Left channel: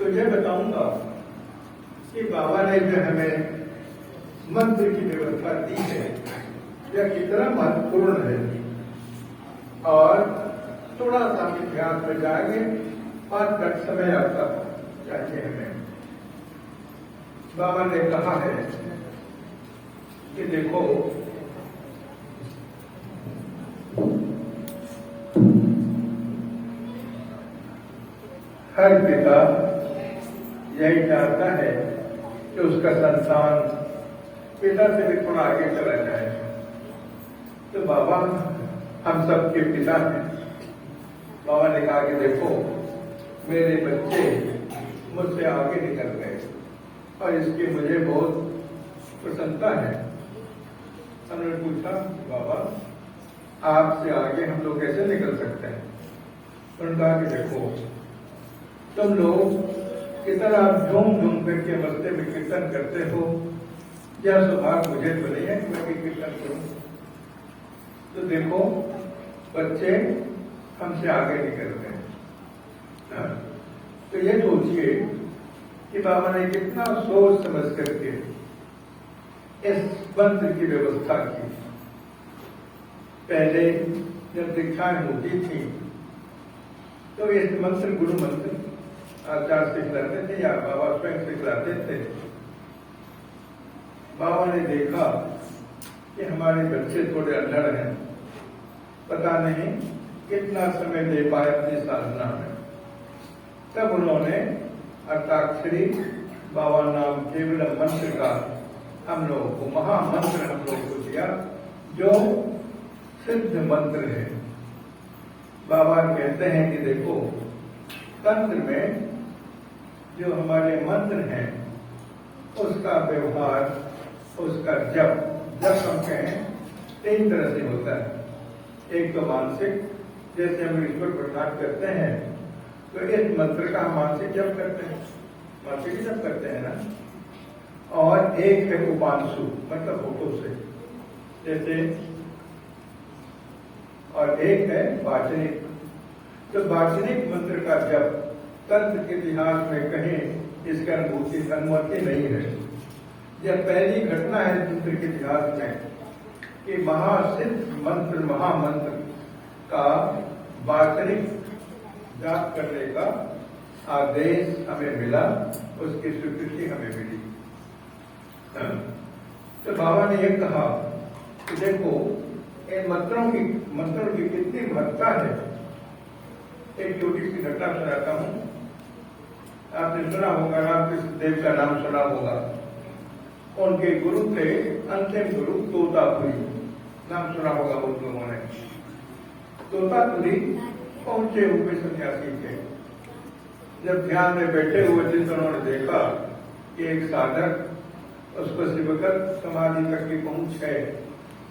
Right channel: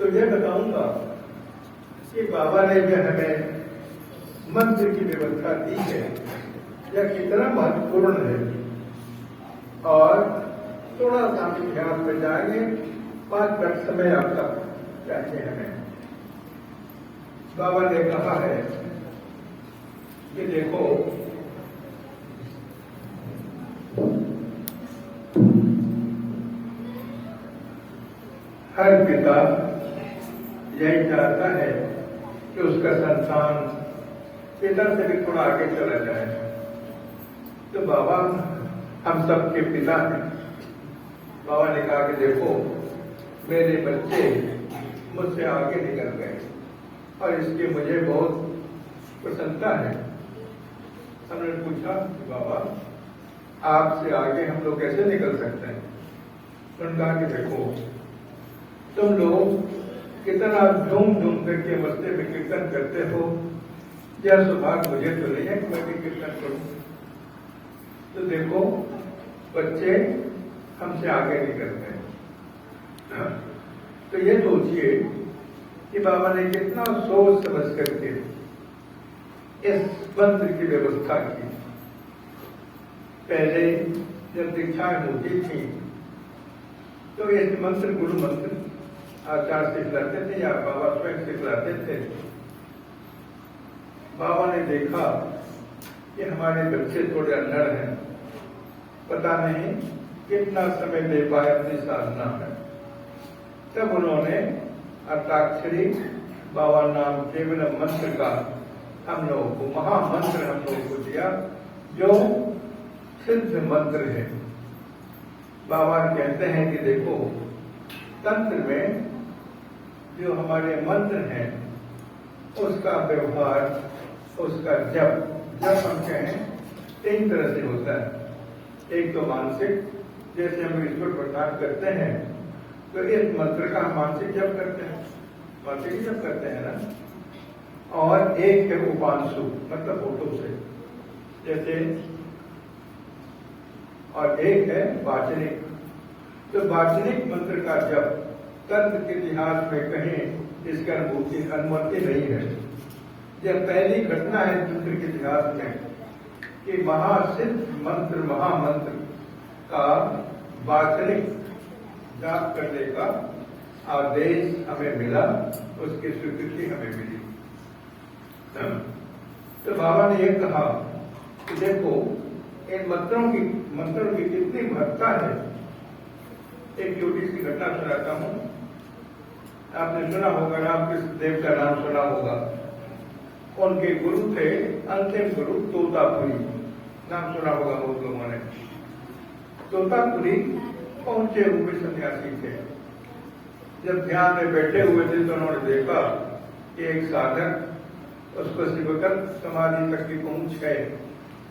तो ये बताऊंगा कि बाबा ने जो हमें मंत्र की व्यवस्था दी है यह कितना महत्वपूर्ण है। और थोड़ा सा इतिहास में जाएंगे, 5 मिनट समय आपका चाहिए हमें। बाबा ने कहा है कि देखो, हर पिता यही चाहता है कि उसका संतान पिता से भी थोड़ा आगे चला जाए। तो बाबा हम सबके पिता हैं। बाबा ने कहा कि देखो, मेरे बच्चे मुझसे आगे निकल गए और इसकी मुझे बहुत प्रसन्नता है। हमने पूछा, बाबा आपसे आगे हम लोग कैसे निकल सकते हैं? उन्होंने कहा कि देखो, तुम लोग कितना झूम झूम करके मस्ते में कीर्तन करते हो, यह सौभाग्य मुझे तो नहीं है कि मैं भी कीर्तन करूं। तो देखो, बच्चे हमसे आगे निकल गए। तो ये सोचिए कि बाबा ने कितना सोच समझ करके इस मंत्र की व्यवस्था की। पहले जब दीक्षाएं होती थी तो ये मंत्र गुरु मंत्र आचार्य सिखलाते थे या बाबा स्वयं सिखलाते थे। बाबा ने देखा कि हमारे बच्चे थोड़े अंधड़ हैं, पता नहीं कितना समय दे पाए अपनी साधना में। तब उन्होंने अर्ताक्षरी बाबा नाम केवल मंत्र का हम लोगों को महामंत्र हम लोगों को दिया, जो सिद्ध मंत्र है। बाबा कहते हैं कि देखो, तंत्र में जो हमारे मंत्र हैं उसका व्यवहार, उसका जप हम कहें 3 तरह से होता है। एक तो मानसिक, जैसे हम ईश्वर प्रसाद करते हैं तो इस मंत्र का हम मानसिक जप करते हैं, मानसिक ही जप करते हैं ना। और एक है उपांशु, मतलब होठों से जैसे, और एक है वाचनिक। तो वाचनिक मंत्र का जप तंत्र के इतिहास में कहीं इसका अनुमति नहीं है। यह पहली घटना है तंत्र के इतिहास में कि महासिद्ध मंत्र महामंत्र का वाचनिक जाप करने का आदेश हमें मिला, उसकी स्वीकृति हमें मिली। तो बाबा ने यह कहा कि देखो, इन मंत्रों की कितनी महत्ता है। एक छोटी सी घटना सुनाता हूं। आपने सुना होगा, रामकृष्ण देव का नाम सुना होगा। उनके गुरु थे अंतिम गुरु तोतापुरी, नाम सुना होगा बहुत लोगों ने। तोतापुरी पहुंचे हुए सन्यासी थे। जब ध्यान में बैठे हुए थे तो उन्होंने देखा कि एक साधक उसको शिवकल्प समाधि तक की पहुंच है,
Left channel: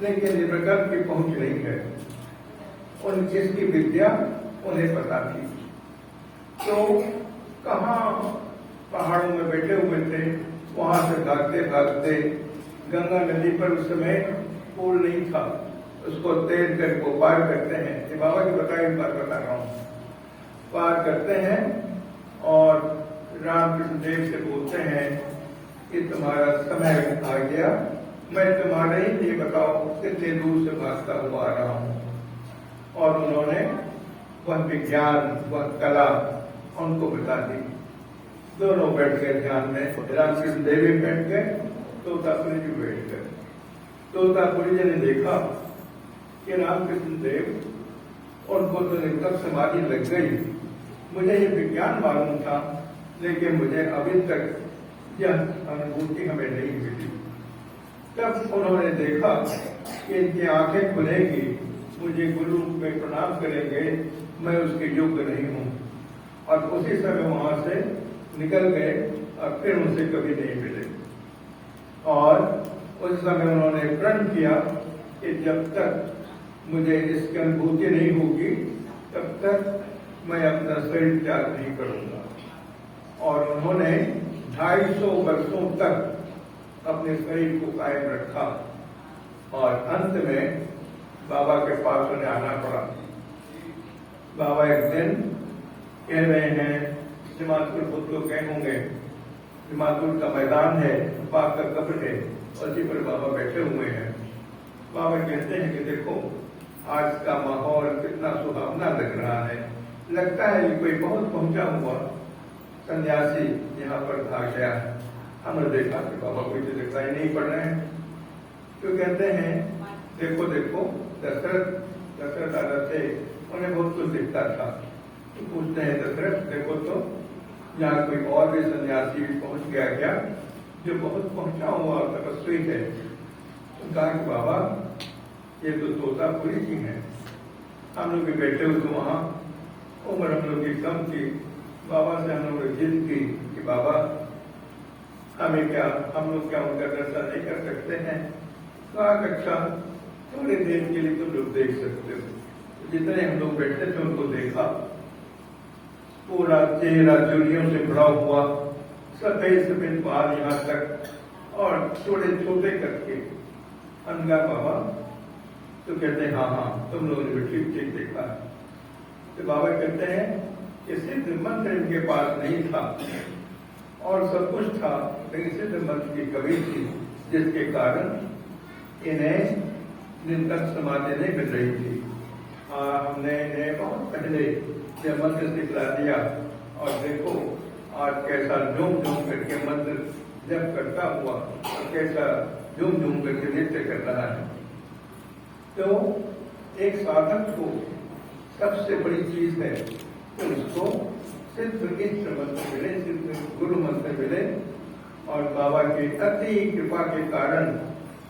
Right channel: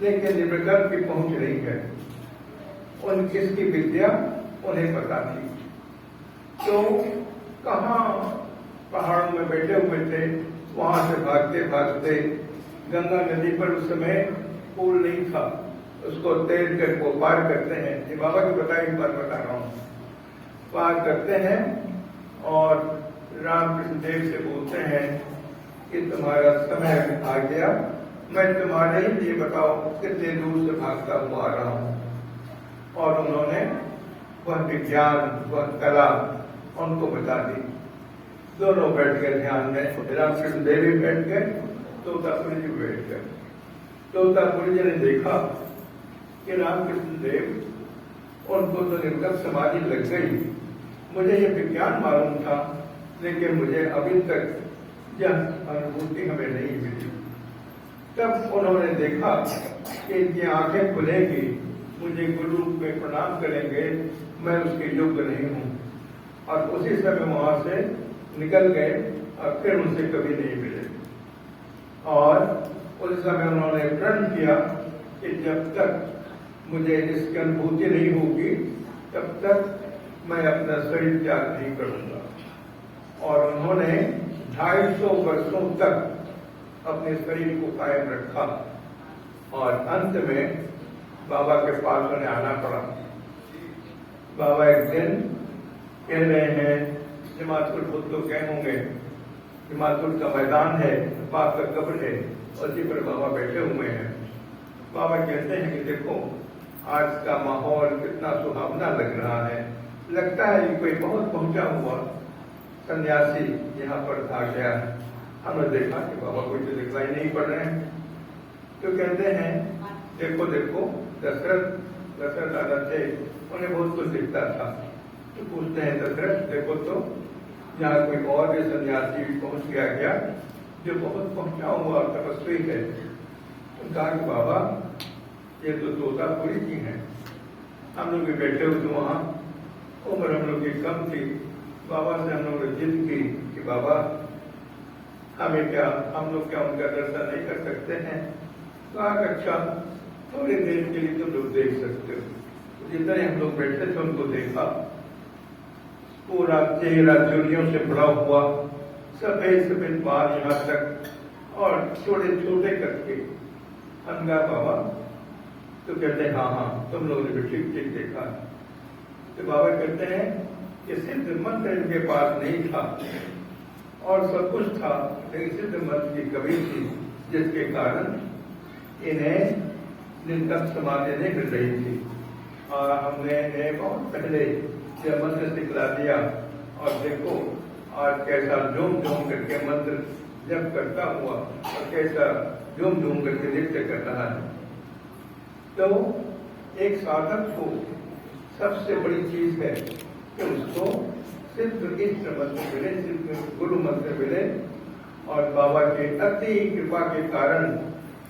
लेकिन शिवकल्प की पहुंच नहीं है। उन जिसकी विद्या उन्हें पता थी। तो कहाँ पहाड़ों में बैठे हुए थे, वहां से भागते भागते गंगा नदी पर उस समय पुल नहीं था, उसको तैर कर वो पार करते हैं। ये बाबा की बताई बात बता रहा हूँ। पार करते हैं और रामकृष्ण देव से बोलते हैं कि तुम्हारा समय आ गया, मैं तुम्हारे लिए बताओ कितने दूर से भागता हुआ आ रहा हूँ। और उन्होंने वह विज्ञान, वह कला उनको बता दी। दोनों बैठ गए ध्यान में, रामकृष्ण देव भी बैठ गए, तोतापुरी जी बैठ गए। तोतापुरी जी ने देखा कि रामकृष्ण देव उनको तो निर्गत समाधि लग गई। मुझे ये विज्ञान मालूम था, लेकिन मुझे अभी तक यह अनुभूति हमें नहीं मिली। तब उन्होंने देखा कि इनकी आंखें खुलेंगी, मुझे गुरु में प्रणाम करेंगे, मैं उसके योग्य नहीं हूं। और उसी समय वहां से निकल गए और फिर उनसे कभी नहीं मिले। और उस समय उन्होंने प्रण किया कि जब तक मुझे इसकी अनुभूति नहीं होगी तब तक मैं अपना शरीर त्याग नहीं करूंगा। और उन्होंने 250 वर्षों तक अपने शरीर को कायम रखा। और अंत में बाबा के पास उन्हें आना पड़ा। बाबा एक दिन कह रहे हैं जमालपुर बहुत लोग गए होंगे, जमालपुर का मैदान है, पाक का कब्र है, उसी पर बाबा बैठे हुए हैं। बाबा कहते हैं कि देखो आज का माहौल कितना सुहावना लग रहा है, लगता है कि कोई बहुत पहुंचा हुआ सन्यासी यहाँ पर आ गया है। हमने देखा कि बाबा कोई तो दिखलाई नहीं पड़ रहे हैं, तो कहते हैं देखो देखो दशरथ दादा थे, उन्हें बहुत कुछ दिखता था। तो पूछते हैं दशरथ देखो तो यहाँ कोई और भी सन्यासी पहुंच गया क्या जो बहुत पहुंचा हुआ तपस्वी है? तो कहा कि बाबा ये तो तोतापुरी जी हैं, हम लोग भी बैठे हुए थे वहां, उम्र हम लोग की कम थी। बाबा से हम लोग ने जिद की कि बाबा हमें क्या, हम लोग क्या उनका दर्शन नहीं कर सकते हैं? कहा अच्छा थोड़ी देर के लिए तुम लोग देख सकते हो। तो जितने हम लोग बैठे थे उनको देखा, पूरा चेहरा चूड़ियों से भरा हुआ, सफेद सफेद बाल यहाँ तक और थोड़े छोटे करके अनगा बाबा। तो कहते हैं हाँ हाँ तुम लोगों ने भी ठीक ठीक देखा। तो बाबा कहते हैं कि सिद्ध मंत्र इनके पास नहीं था और सब कुछ था, लेकिन सिद्ध मंत्र की कमी थी, जिसके कारण इन्हें निरंतर समाधि नहीं मिल रही थी। और हमने इन्हें बहुत पहले से मंत्र सिखला दिया और देखो आज कैसा झूम झूम करके मंत्र जब करता हुआ और कैसा झूम झूम करके नृत्य कर रहा है। तो एक साधक को सबसे बड़ी चीज है कि उसको सिद्ध इष्ट मंत्र मिले, सिद्ध गुरु मंत्र मिले, और बाबा के अति कृपा के कारण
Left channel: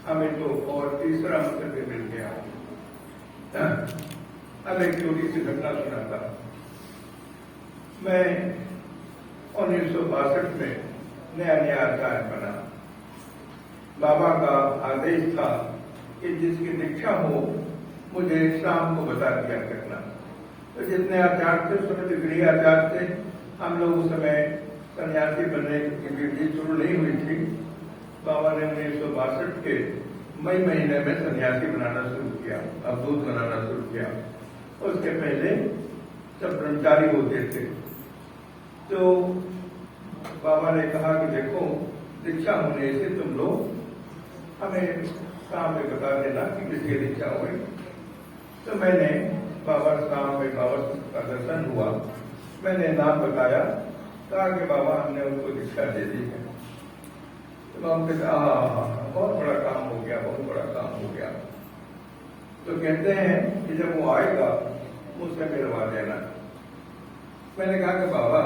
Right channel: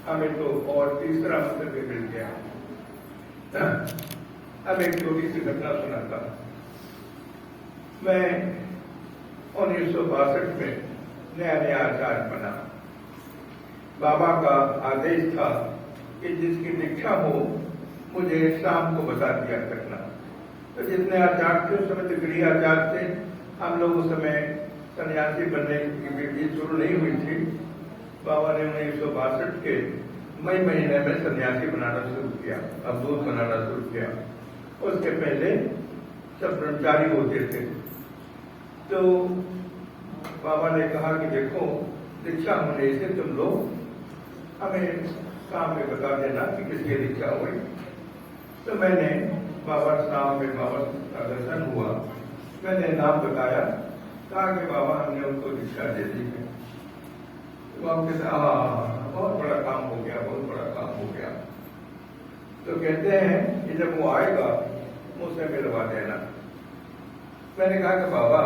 हमें तो और तीसरा मंत्र भी मिल गया। अब एक छोटी सी घटना सुनाता। मैं 1962 में नया नया आचार्य बना। बाबा का आदेश था कि जिसकी दीक्षा हो मुझे शाम को बता दिया करना। तो जितने आचार्य थे उस समय तो गृह आचार्य थे, हम लोग उस समय सन्यासी बनने की विधि शुरू नहीं हुई थी। बाबा ने 1962 के मई महीने में सन्यासी बनाना शुरू किया, अवधूत बनाना शुरू किया। उसके पहले सब ब्रह्मचारी होते थे। तो बाबा ने कहा कि देखो दीक्षा होने से तुम लोग हमें शाम में बता देना कि किसकी दीक्षा हुई। तो मैंने बाबा शाम में बाबा का दर्शन हुआ, मैंने नाम बताया, कहा कि बाबा हमने उनको दीक्षा दे दी है। तो बाबा कहते बहुत बड़ा काम हो गया, बहुत बड़ा काम हो गया। तो कहते हैं कि जब वो आएगा मुझसे मिलवा देना। मैंने कहा कि बाबा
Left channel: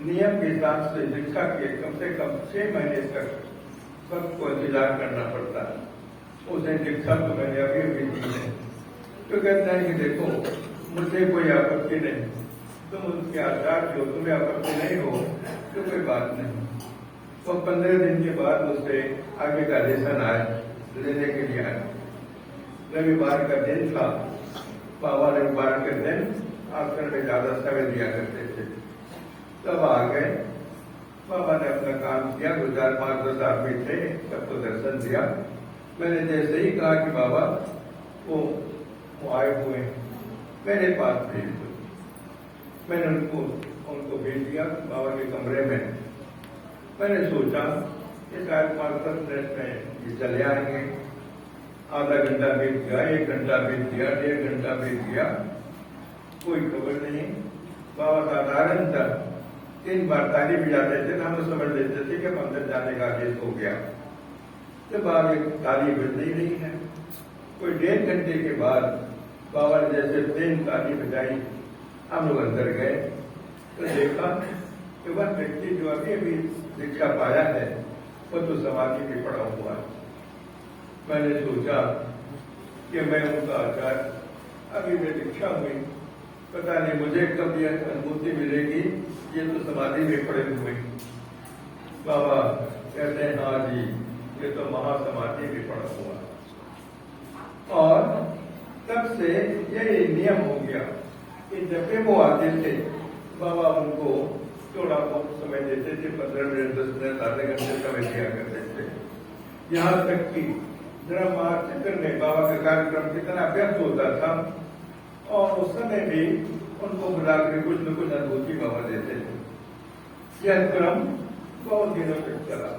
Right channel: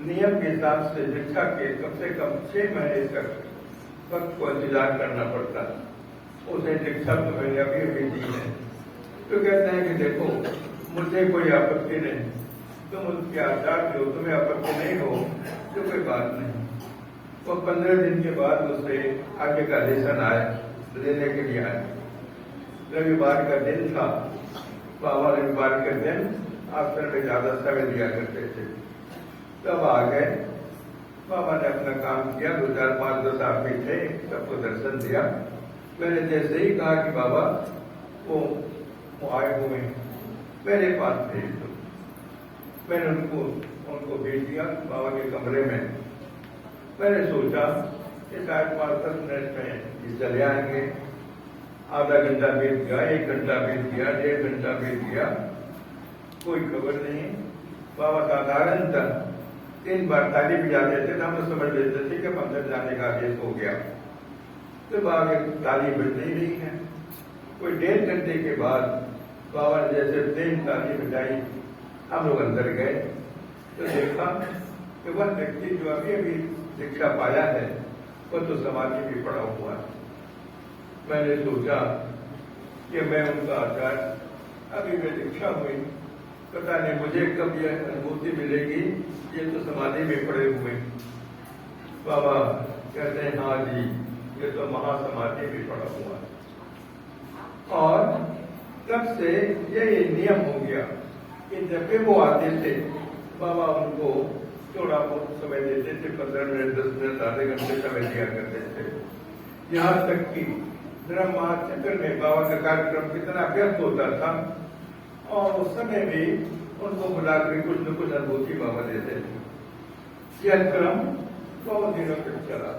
नियम के हिसाब से दीक्षा के कम से कम 6 महीने तक वक्त को इंतजार करना पड़ता, उसे दीक्षा तो मैंने अभी अभी दी है। तो कहते हैं कि देखो मुझे कोई आपत्ति नहीं, तुम उसके आचार्य हो, तुम्हें आपत्ति नहीं हो तो कोई बात नहीं। तो 15 दिन के बाद मुझसे आगे का लेसन आया, लेने के लिए आया। रविवार का दिन था, बाबा रविवार के दिन आश्रम में ज्यादा समय दिया करते थे। तब आ गए, बाबा ने अपना काम किया, 2 4 5 10 आदमी थे, सबको दर्शन दिया। मैंने जैसे ही कहा कि बाबा वो आए हुए हैं, मेरे पास भेज दो, मैंने उनको भेज दिया बाबा के कमरे में। मैंने सोचा कि शायद 5-10 मिनट में ये चले आएंगे। आधा घंटा बीत गया, 1 घंटा बीत गया, 1.5 घंटा बीत गया, कोई खबर नहीं। बाबा साधारणतः 3 बार ताली बजाते थे, हम समझ लेते थे कि मंदिर जाने का आदेश हो गया। तो बाबा ताली बज नहीं रही है। कोई 1.5 घंटे के बाद बाबा ने जैसे 3 ताली बजाई, हम लोग अंदर गए तो देखा कि वह व्यक्ति जो अभी अभी दीक्षा पाया है वो तो समाधि में पड़ा हुआ है। मैंने सोचा कि मैं उनका आचार्य, अभी मैं दीक्षा हुई, पता नहीं मुझे कब यह अनुभूति मिलेगी, ये तो समाधि में पड़े हुए। बाबा कहते हैं हाँ जी ये तो महासमाधि में पड़ा हुआ है। और तब से ये नियम हो गया कि जब भी वो आते थे बाबा उनको थोड़ा बहुत समय देते थे, 15 मिनट 10 मिनट आधे घंटे समय दिया करते थे। यहाँ तक कि ब्रह्माचक्र में बाबा का कार्यक्रम कितना व्यस्त होता था और उस समय भी उनको बुलाकर कुछ न कुछ अनुभूति बाबा देते हैं। यह क्रम बहुत दिनों तक चला।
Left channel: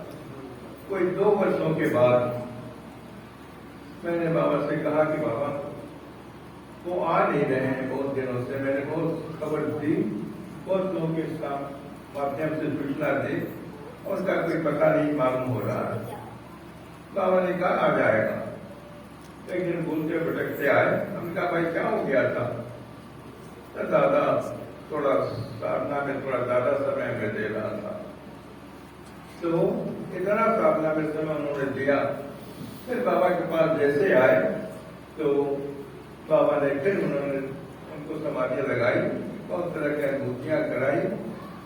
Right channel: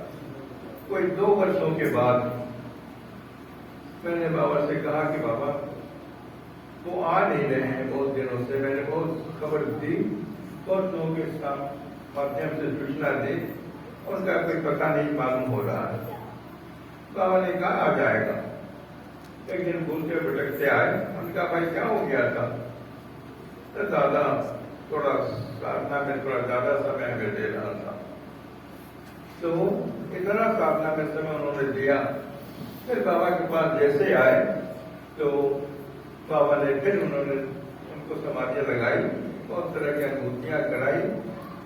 कोई 2 वर्षों के बाद मैंने बाबा से कहा कि बाबा वो आ नहीं रहे हैं बहुत दिनों से, मैंने बहुत खबर दी, बहुत लोगों के साथ माध्यम से सूचना दी, उनका कोई पता नहीं मालूम हो रहा है। बाबा ने कहा आ जाएगा। एक दिन भूलते भटकते आए। हमने कहा भाई क्या हो गया था? तो दादा थोड़ा साधना में थोड़ा ज्यादा समय हमें दे रहा था, तो इतना साधना में समय उन्होंने दिया। फिर बाबा के पास जैसे आए तो बाबा ने फिर उन्होंने उनको समाधियां लगाई, बहुत तरह की अनुभूतियां कराई।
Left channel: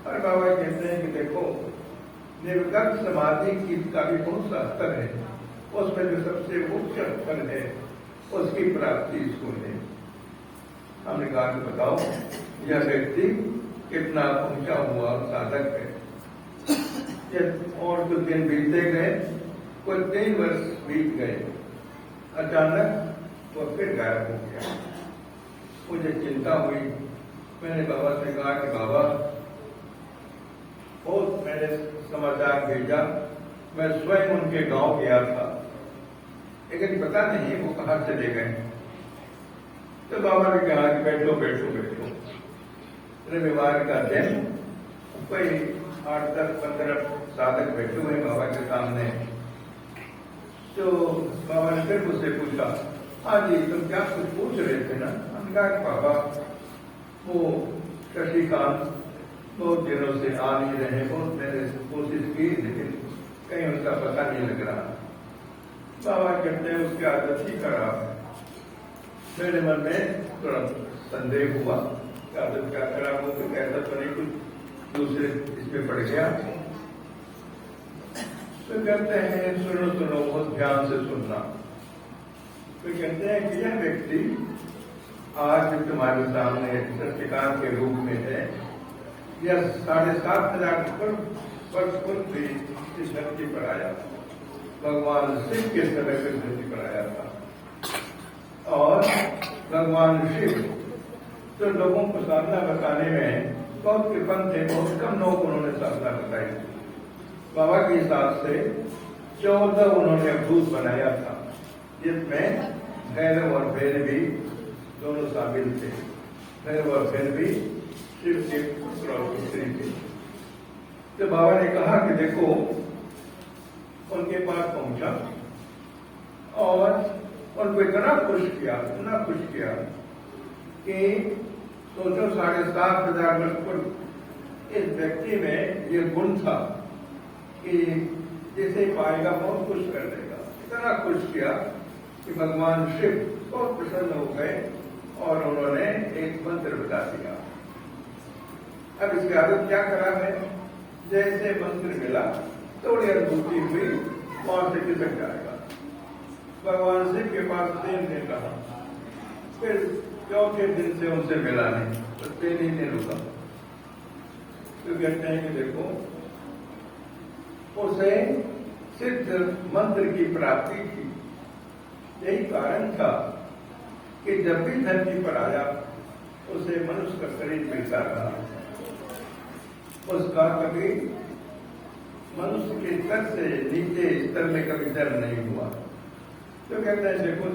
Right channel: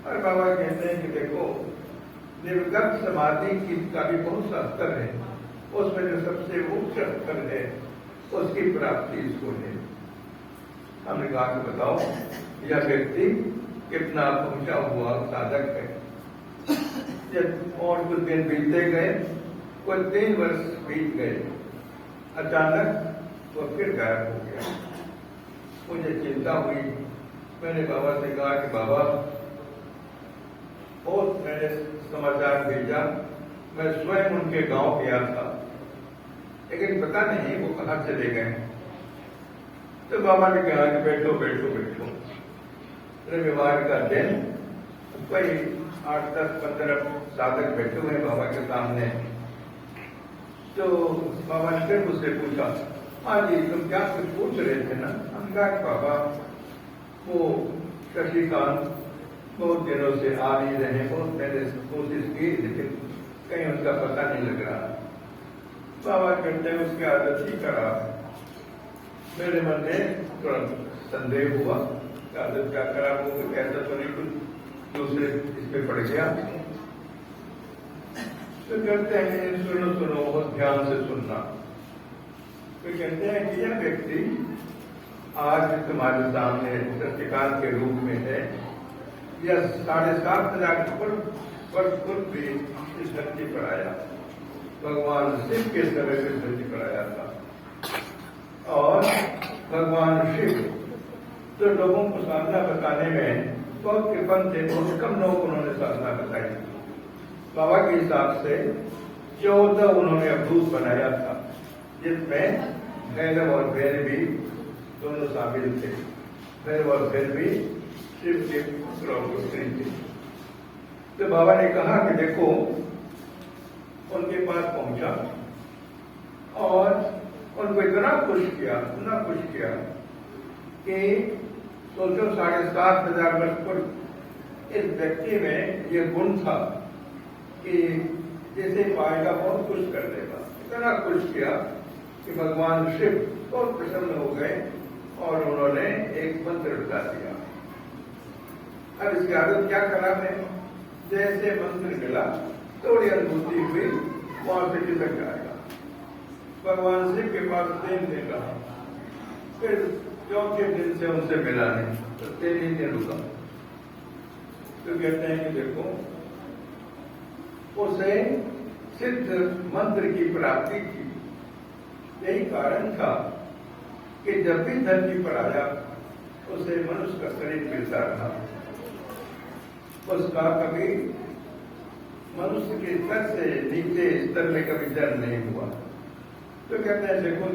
और बाबा कहते हैं कि देखो निर्विकल्प समाधि की का भी बहुत सा स्तर है, उसमें जो सबसे उच्च स्तर है उसकी प्राप्ति इसको है। हमने कहा कि बताओ यह व्यक्ति कितना पहुंचा हुआ साधक है। और कुछ दिन बीतते गए, कुछ 3 वर्ष बीत गए, अचानक वो फिर गायब हो गया। मुझे चिंता हुई। मैंने बाबा से कहा कि बाबा बहुत मैंने समाचार भेजा, मैं स्वयं उनके गांव गया था, लेकिन पता नहीं वो कहां चले गए। तो बाबा ने कहा कि बैठो बैठो बैठो। रविवार का दिन कोई 8, 10, 15 साधक बैठे हुए बाबा के सामने। तो बाबा ने फिर मुझसे पूछा, हाँ जी तुम क्या कुछ पूछ रहे थे ना? हमने कहा कि बाबा वो शशिकांत बहुत दिनों से आ नहीं रहे, बहुत मैंने कोशिश की लेकिन कहीं उनका पता नहीं लग रहा। बाबा कहते हैं उसकी आदत ही खराब। मेरे मन में तुरंत संदेह हुआ कि आदत क्या खराब हो, कोई ऐसा तो नहीं कुछ दूसरे इसमें पड़ गया। तो कहते हैं सुनो सुनो, बहुत ध्यान से सुनना। तो कहते हैं कि यह व्यक्ति आज तुम्हारे सामने शशिकांत के रूप में है, यह 7,500 वर्ष पूर्व भी इस धरती पर आया, भगवान शिव के समय पर धरती पर आया था। और भगवान शिव तो लोगों को साधना बताने में बहुत कृपण थे, बहुत कम लोगों को उन्होंने साधना बताई। बाबा के हिसाब से 14 उन्होंने अवधूत बनाया था, जिसमें भैरव और भैरवी दोनों शामिल थे। भैरव और भैरवी शिव के पुत्र और पुत्री थे। तो बाबा ने कहा कि देखो, उनके पास पहुंचा और उनको इतना खुश किया कि सोचो 7,500 वर्ष पूर्व इस व्यक्ति में यह गुण था कि जैसे पाएगा बहुत खुश कर देगा। इतना खुश किया कि भगवान शिव बहुत प्रसन्न हो गए और उन्होंने एक मंत्र बता दिया। अब इसकी आदत क्या खराब है, जैसे मंत्र मिला थोड़ी अनुभूति हुई, वहां से टिलक जाएगा। भगवान शिव के पास 3 दिन रहा, फिर 4थे दिन से उनसे मिला नहीं, तो 3 ही दिन रुका। तो कहते हैं कि देखो उसे सिद्ध मंत्र की प्राप्ति थी। यही कारण था कि जब भी धरती पर आया उसे मनुष्य का शरीर मिलता था, उसका कभी मनुष्य के स्तर से नीचे स्तर में कभी जन्म नहीं हुआ। तो कहते हैं देखो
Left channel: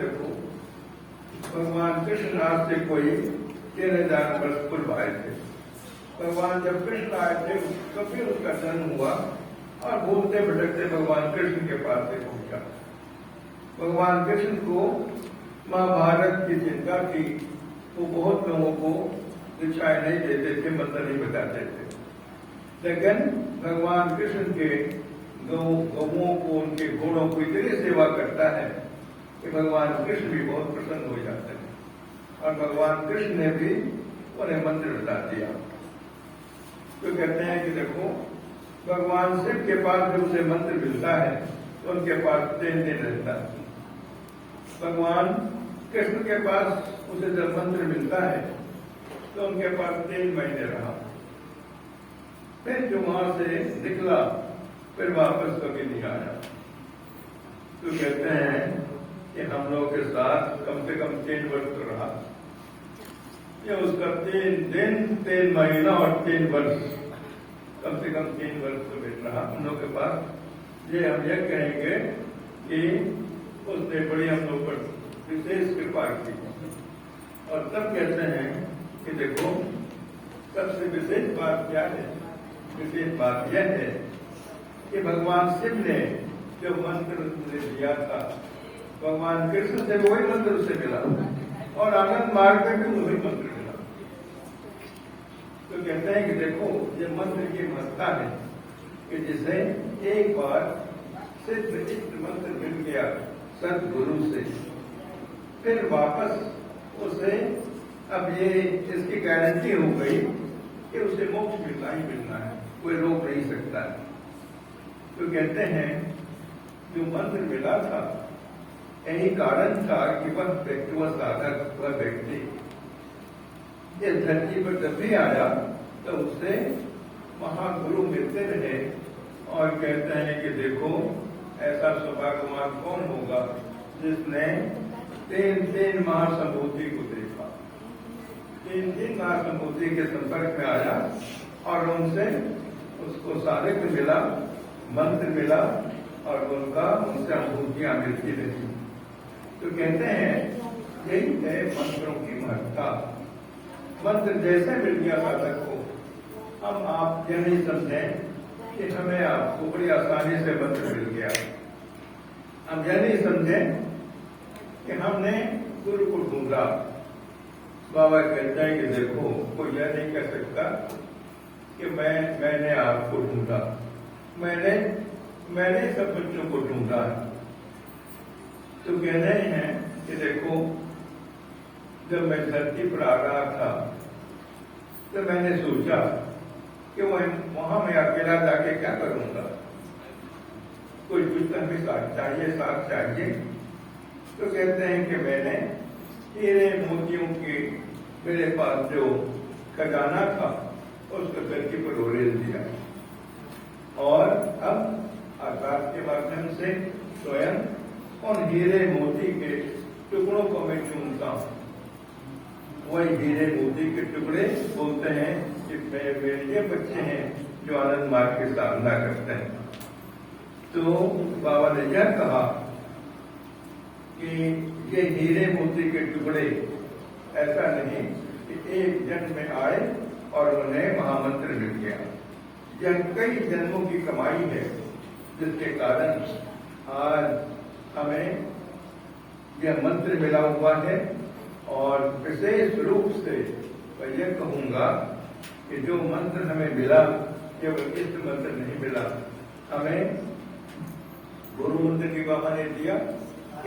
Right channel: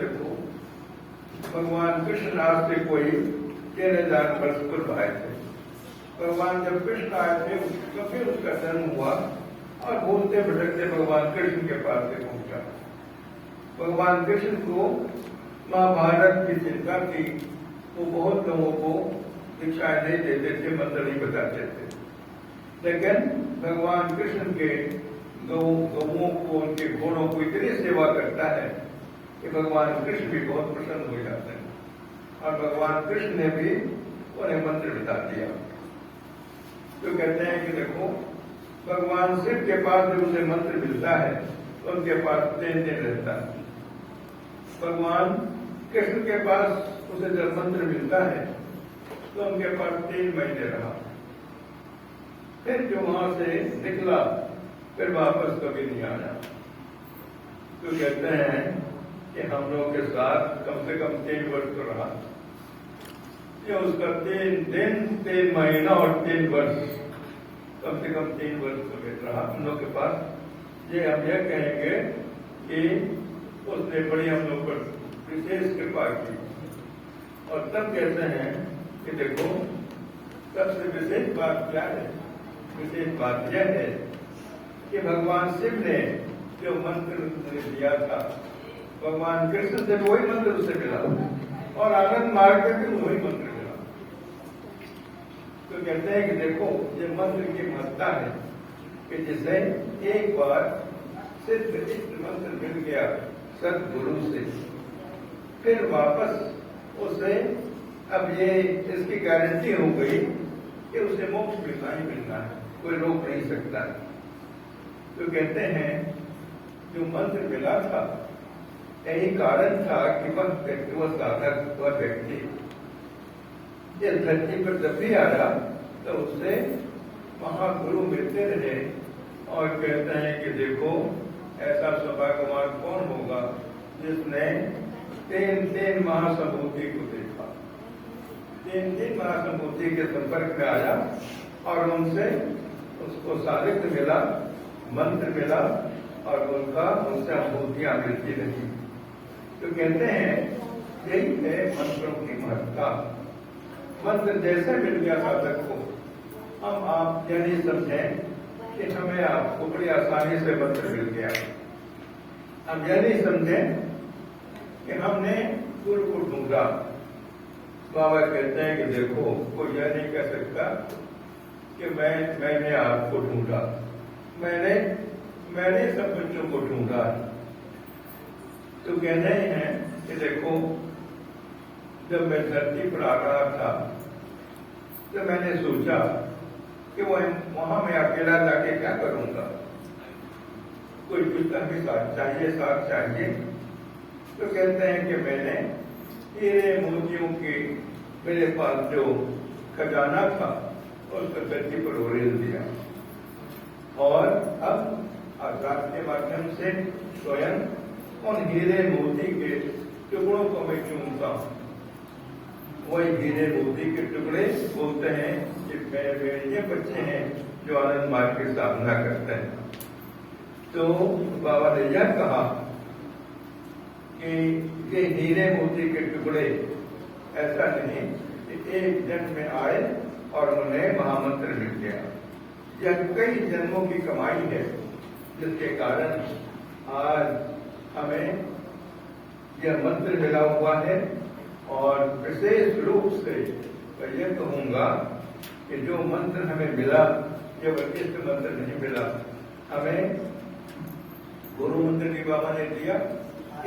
भगवान कृष्ण आज से कोई 13,000 वर्ष पूर्व आए थे। भगवान जब कृष्ण आए थे कभी उसका जन्म हुआ और भूलते भटकते भगवान कृष्ण के पास से पहुंचा। भगवान कृष्ण को महाभारत की चिंता थी, वो बहुत लोगों को शिक्षाएं नहीं देते थे, मंत्र नहीं बताते थे, लेकिन भगवान कृष्ण के गौओं को, उनके घोड़ों को इतनी सेवा करता है कि भगवान कृष्ण भी बहुत प्रसन्न हो जाते हैं। और भगवान कृष्ण ने भी उन्हें मंत्र बता दिया। तो कहते हैं कि देखो भगवान शिव के पास जब उसे मंत्र मिलता है तो उनके पास 3 दिन रहता है। भगवान कृष्ण के पास उसे जब मंत्र मिलता है तो उनके पास 3 महीने रहा। फिर जो वहां से निकला फिर वापस कभी नहीं आया। तो कहते हैं कि हम लोग के साथ कम से कम 3 वर्ष तो रहा। ये उसका 3 दिन 3 महीना और 3 वर्ष, कम से कम 3 वर्ष तो बैठ रहा हम लोग के पास। ये हम यह कहेंगे कि उसने बड़ी हम लोग पर विशेष कृपा की। और तब कहते हैं कि देखो सबसे विशेष बात क्या है? विशेष बात यह है कि भगवान शिव ने जो मंत्र दिया था, भगवान कृष्ण से वही मंत्र उसे मिला और आनंद मार्ग में भी वही मंत्र मिला। तो कहते हैं कि देखो ये मंत्र की महत्ता है कि जिसे एक बार सिद्ध इष्ट मंत्र मिल गया सदगुरु से, फिर वापस उसे अब ये इसकी गारंटी हो गई कि उसे मोक्ष मिलना ही मिलना है, कोई रोक नहीं सकता। तो कहते हैं जो मंत्र मिला था यही कारण था कि वह साधक, वह व्यक्ति इस धरती पर जब भी आया तो उससे महागुरु मिलते रहे और कहते हैं कि देखो ऐसा सौभाग्यवान कौन होगा जिसने 3 महासंभूति को देखा, 3 महासंभूति के संपर्क में आया और उनसे उसको साबित मिला, मंत्र मिला और उनसे अनुभूतियां मिलती रही। तो कहते हैं यही है मंत्रों की महत्ता। मंत्र जैसे मिल गया साधक को, हम आप यह नहीं समझें कि हमें आपको बड़ी आसानी से मंत्र मिल गया। हम यह नहीं समझें कि हमने गुरु को ढूंढा। बाबा कहते हैं कि देखो कोई यह नहीं कह सकता कि मैंने आपको ढूंढा, मैंने सब बच्चों को ढूंढा। तो कहना ही है कि देखो जब मैं धरती पर आ रहा था तो मैंने सोचा कि वहां मैं अकेला जाके क्या करूंगा, कोई दूसरा भी साथ चाहिए। तो कहते हैं कि मैंने हीरे मोतियों की मेरे पास जो खजाना था उसको धरती पर उड़ेल दिया और अब आकाश के माध्यम से स्वयं उन हीरे मोती के टुकड़ों को मैं चूमता हूं। वही हीरे मोती के टुकड़े बोलते हैं कि ये बच्चे हैं जो आनंद मार्ग की साधना करते हैं। तो बाबा ने यह कहा कि ये हीरे मोती के टुकड़े ऐसा नहीं कि एक जन्म में आए और उन्हें महामंत्र मिल गया। यह कई जन्मों की कमाई है जिसके कारण आज हमें यह मंत्र मिला हुआ है। और विशेष रूप से मैं यह कहूंगा कि जो मंत्र हमें मिला केवल इस मंत्र नहीं मिला, हमें गुरु मंत्र की बाबा ने दिया।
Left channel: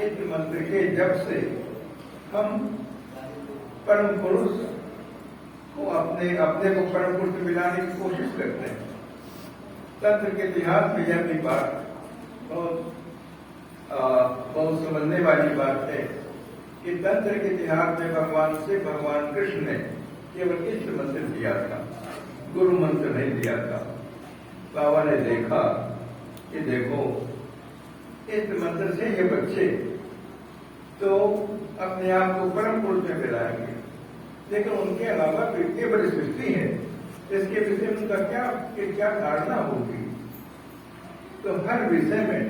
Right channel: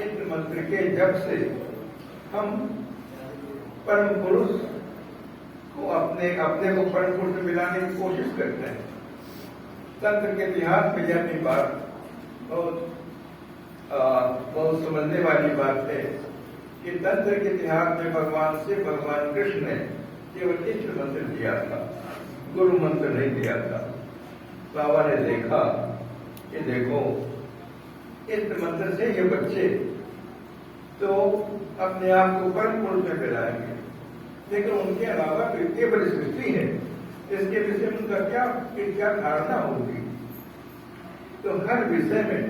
इस मंत्र के जब से हम परम पुरुष को अपने को परम पुरुष से मिलाने की कोशिश करते हैं। तंत्र के इतिहास में यह भी बात बहुत समझने वाली बात है कि तंत्र के इतिहास में भगवान कृष्ण ने केवल इष्ट मंत्र दिया था, गुरु मंत्र नहीं दिया था। बाबा ने देखा कि देखो इष्ट मंत्र से ये बच्चे तो अपने आप को परम पुरुष में मिलाएंगे, लेकिन उनके अलावा तो इतनी बड़ी सृष्टि है, इसके विषय में उनका क्या धारणा होगी। तो हर विषय में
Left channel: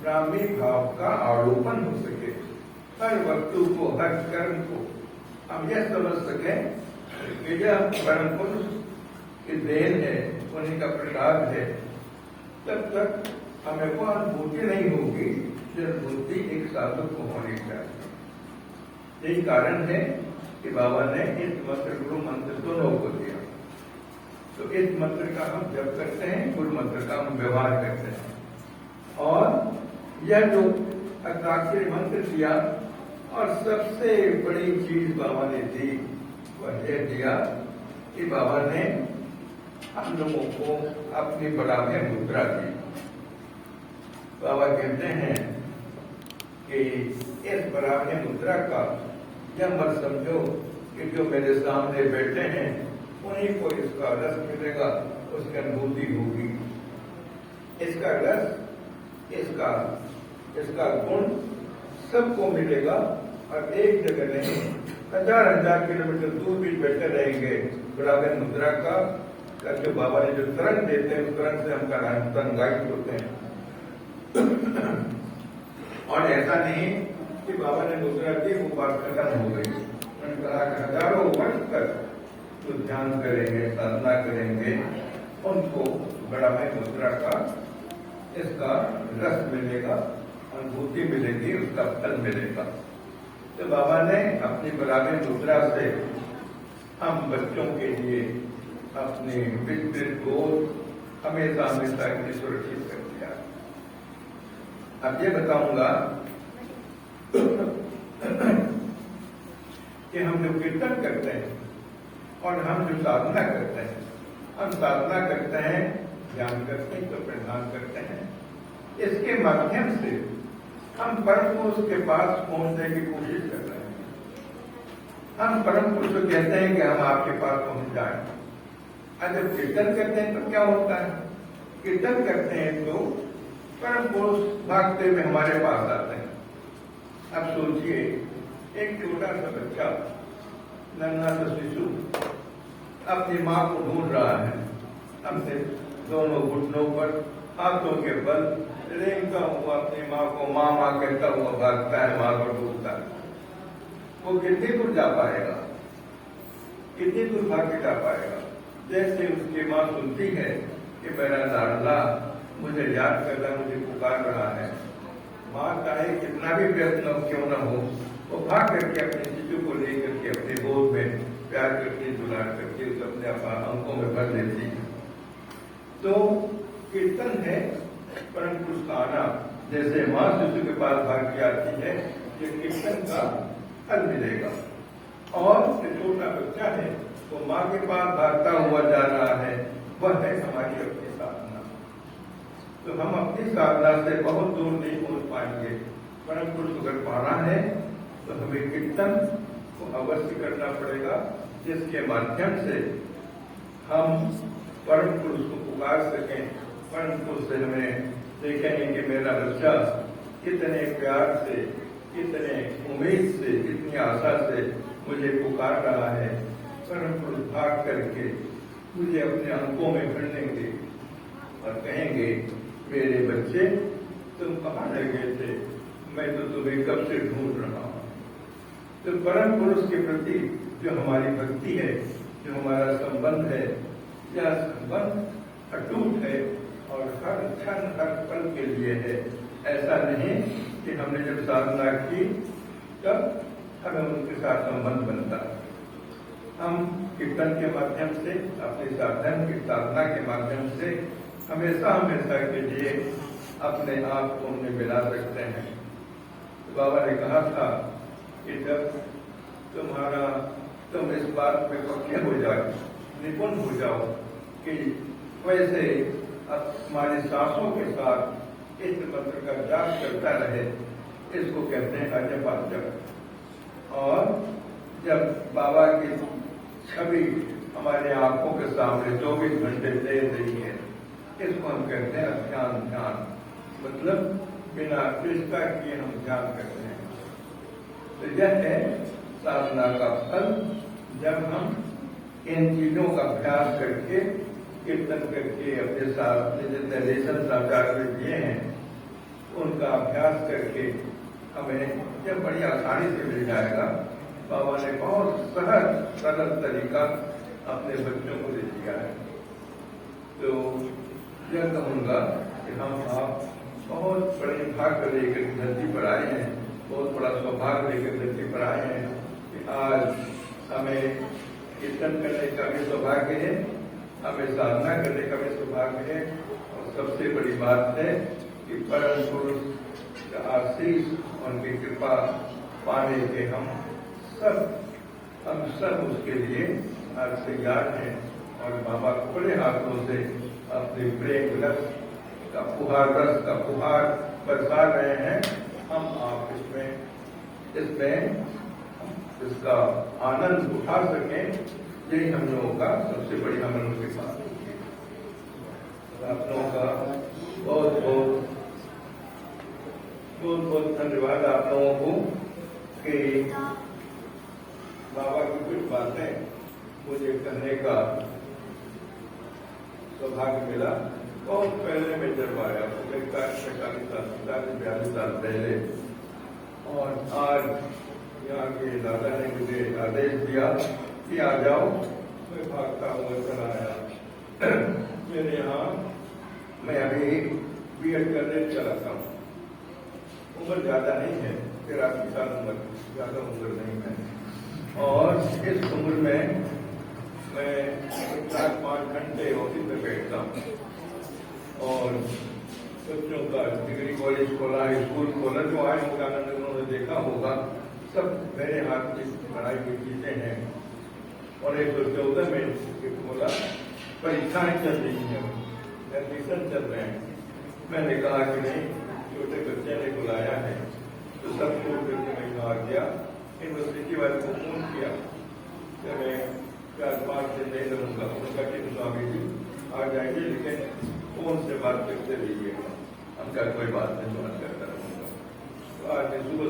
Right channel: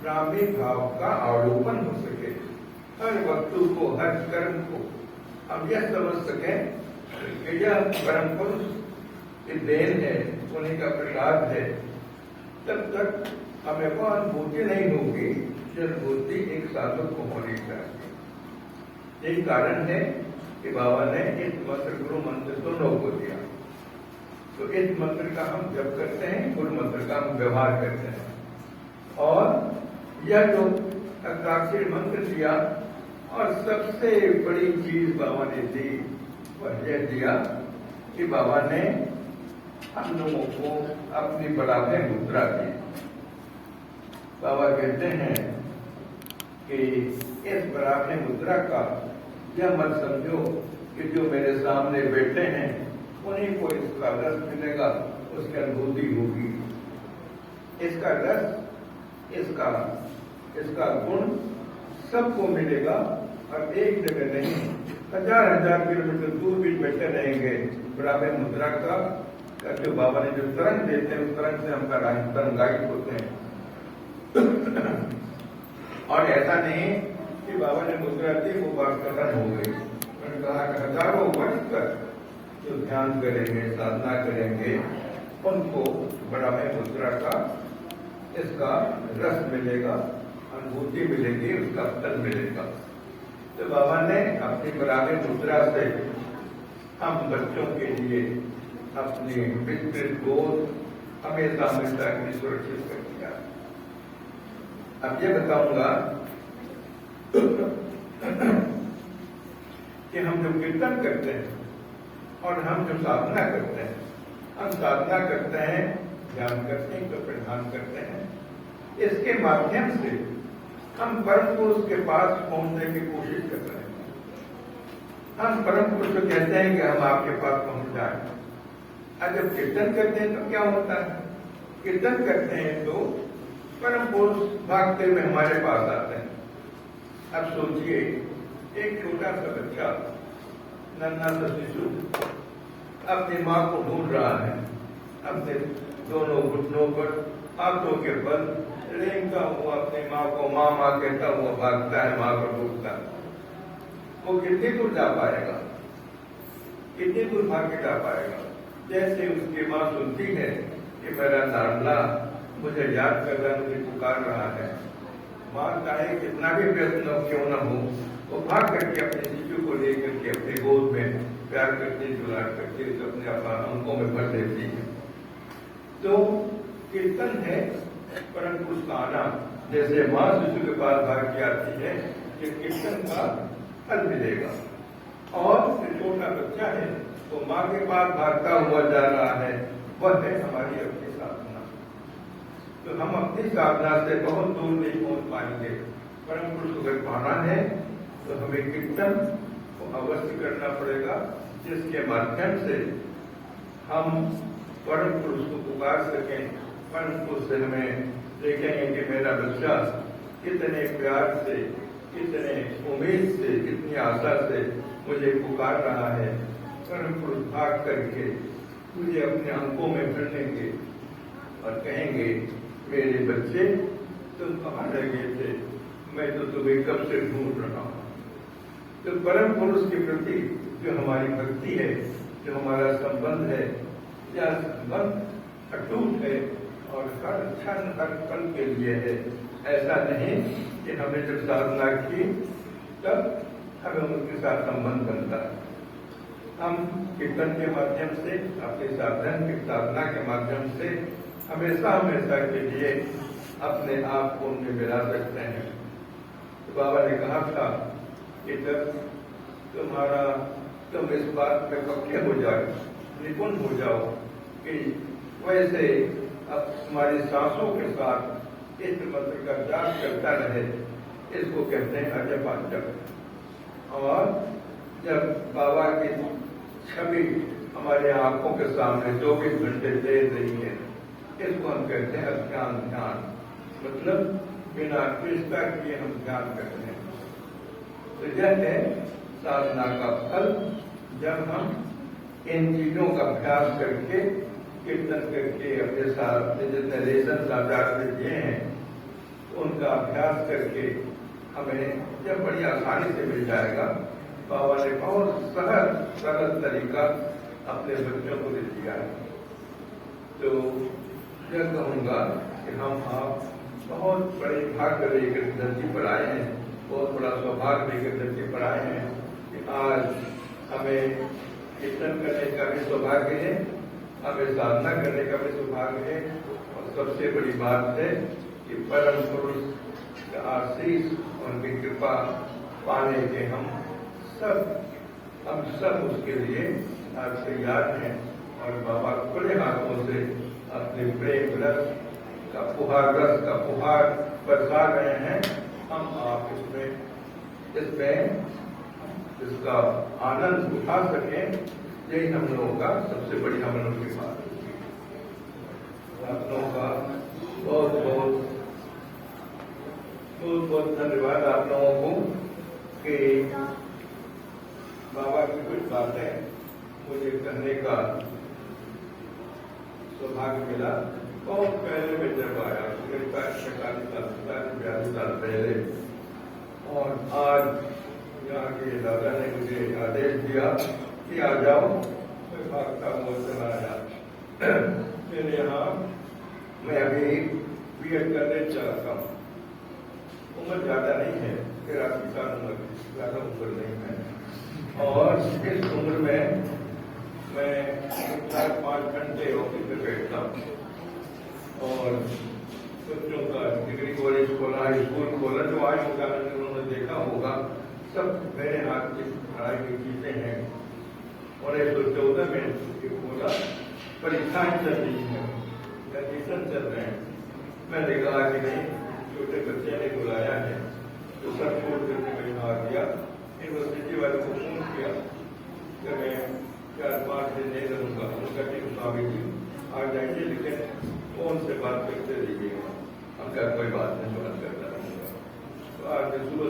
ब्राह्मी भाव का अवलोकन हो सके, हर वस्तु को, हर कर्म को हम यह समझ सके कि यह परम पुरुष की देन है, उन्हीं का प्रसाद है। तब तक हमें वो अनुभूति नहीं होगी जो अनुभूति एक साधक को होनी चाहिए। यही कारण है कि बाबा ने इस मंत्र गुरु मंत्र दोनों को दिया। तो इस मंत्र का हम जप करते हैं, गुरु मंत्र का हम व्यवहार करते हैं। और यह जो हस्ताक्षर मंत्र दिया और सबसे बड़ी चीज बाबा ने दी वह यह दिया कि बाबा ने हम लोगों को अपनी बराबर मुद्रा दी। बाबा कहते हैं कि इस बराबर मुद्रा का यह मत समझो कि जो मेरे सामने बैठे हैं उन्हीं को इसका रस मिलेगा, उसकी अनुभूति होगी। इसका रस, इसका गुण सबको मिलेगा और एक जगह नहीं, हजार किलोमीटर दूर भी बैठे रहेंगे, बराबर मुद्रा का जो बाबा ने जो तरंग देते हैं उस तरंग से हम तरंगायित होते हैं। और ऐसा नहीं कि बाबा ने मुद्रा दी वो बात खत्म हो गई। मैंने कहा कि हजारों वर्ष तक जो ध्यान करेंगे, साधना करेंगे, उनको बड़ा में मुद्रा का इसका रस मिलेगा, अनुभूति मिलेगी, उसका फल मिलेगा। तो बाबा ने अपनी बराबर मुद्रा से हम बच्चों के लिए अपनी विस्तृत गोद हमेशा हमेशा के लिए सुरक्षित कर दिया। अब ये बताऊंगा कि हम जो कीर्तन करते हैं और हम जो साधना करते हैं, हम साधना करते हैं, ध्यान करते हैं, तो प्रधान करते हैं, इसके माध्यम से हम परम पुरुष के पास पहुंचने की कोशिश कर रहे हैं। हम परम पुरुष को कहते हैं कि हम आपके पास पहुंच जाए। और जब कीर्तन करते हैं तो क्या होता है? कीर्तन करते हैं तो परम पुरुष भागते हुए हमारे पास आते हैं। अब सोचिए, एक छोटा सा बच्चा, नन्हा सा शिशु अपनी माँ को ढूंढ रहा है, अपने दोनों घुटनों पर हाथों के बल रेंगता हुआ अपनी माँ को माँ माँ कहता हुआ भागता है, माँ को ढूंढता है। वो कितनी दूर जा पाएगा? कितनी दूर भाग के जा पाएगा? जैसे उसकी माँ सुनती है कि मेरा लाडला मुझे याद कर रहा है, मुझे पुकार रहा है, माँ चाहे कितना भी व्यस्त क्यों न हो, वो भाग करके अपने शिशु को लेकर के अपने गोद में प्यार करके, दुलार करके उसे अपने अंकों में भर लेती है। तो कीर्तन है परम पुरुष का आना। जैसे माँ शिशु के पास भाग के आती है, ये कीर्तन का फल मिलेगा। और जो छोटा बच्चा है वो माँ के पास भागता हुआ जा रहा है, वह है हमारी अपनी साधना। तो हम अपनी साधना से बहुत दूर नहीं पहुंच पाएंगे। परम पुरुष को अगर पाना है तो हमें कीर्तन को अवश्य करना पड़ेगा, जिसके माध्यम से हम परम पुरुष को पुकार सकें। परम पुरुष से हमें देखेंगे कि मेरा बच्चा कितने प्यार से, कितने उम्मीद से, कितनी आशा से मुझे पुकार रहा है। परम पुरुष भाग करके मुझे अपने अंकों में भर लेंगे और कहेंगे, मेरे बच्चे तुम कहाँ रह गए थे, मैं तो तुम्हें कब से ढूंढ रहा हूँ। तो परम पुरुष के प्रति जो हमारी भक्ति है, जो हमारा संबंध है, यह संबंध अटूट है और हर क्षण हर पल के लिए है। ऐसा नहीं कि हमने जब साधना की तब हमें उनके साथ संबंध बनता। हम कीर्तन के माध्यम से, अपने साधन की साधना के माध्यम से हमेशा हमेशा के लिए अपने आप को उनमें मिला सकते हैं। तो बाबा ने कहा था कि जब तुम इस बात में पक्के हो जाओ, निपुण हो जाओ कि वैसे अब तुम्हारी सांसों के साथ इस मंत्र का जाप करता रहे, इसको कहते हैं अजप जप। और जब बाबा की छवि हमारे आंखों के सामने 24 घंटे दे रही है, इसको हम कहते हैं अज्ञान ध्यान। मतलब बिना कृष्णा किए हम ध्यान करते हैं। तो यह है साधना का फल। जब हम इन चीजों का अभ्यास करके, कीर्तन करके, अपने साथ जितने लेसन आचार्य दिए हैं उनका अभ्यास करके हमें जब बड़ी आसानी से मिल जाएगा। बाबा ने बहुत सहज सरल तरीका अपने बच्चों को दे दिया है। तो यह कहूँगा कि हम आप बहुत बड़े भाग्य लेकर धरती पर आए हैं, बहुत बड़ा सौभाग्य लेकर धरती पर आए हैं कि आज हमें कीर्तन करने का भी सौभाग्य है, हमें साधना करने का भी सौभाग्य है। और सबसे बड़ी बात है कि परम पुरुष का आशीष, उनकी कृपा पाने के हम सब उसके लिए आज तैयार हैं। और बाबा खुले हाथों से अपने प्रेम रस का फुहार बरसा रहे हैं। हम आप इसमें इसका आनंद उठा सकें, यही हम लोगों का सबसे बड़ी हम लोगों की बात है। आप लोगों का बहुत बहुत धन्यवाद आप लोगों को कि भाग्य मिला। बहुत पहले मैं जब आया 42 साल पहले, और आज यहाँ के दादा ने मुझे आदेश दिया कि आ जाओ। मैं भागता हुआ चला आया। मेरे यहाँ मैं अभी बीएड करने चलाता हूँ। उम्र ज्यादा नहीं है, 83 साल उम्र, ज्यादा उम्र नहीं है। और इस उम्र में मैं 4-5 घंटे ऑफिस में बैठता हूँ और बच्चों का डिग्री कॉलेज खोला, स्कूल खोला, जो आज होगा उन्होंने देखा होगा, सब मेरे हाथ की पढ़ाई की चीजें हैं। और 114 में खोला, परीक्षाएं चल रही हैं, एडमिशन चल रहे हैं। मैंने कहा कि नहीं, छोटे बच्चे ने बुलाया है तो सब छोड़ देने में आ गया। यूनिवर्सिटी वाले को फोन किया कि मैं 4-5 दिन नहीं रहूंगा। उनका स्वामी जी आ जाएंगे, लेकिन फोन से बात करते रहिए, हमका कोई बात नहीं बात करता। तो आज सुबह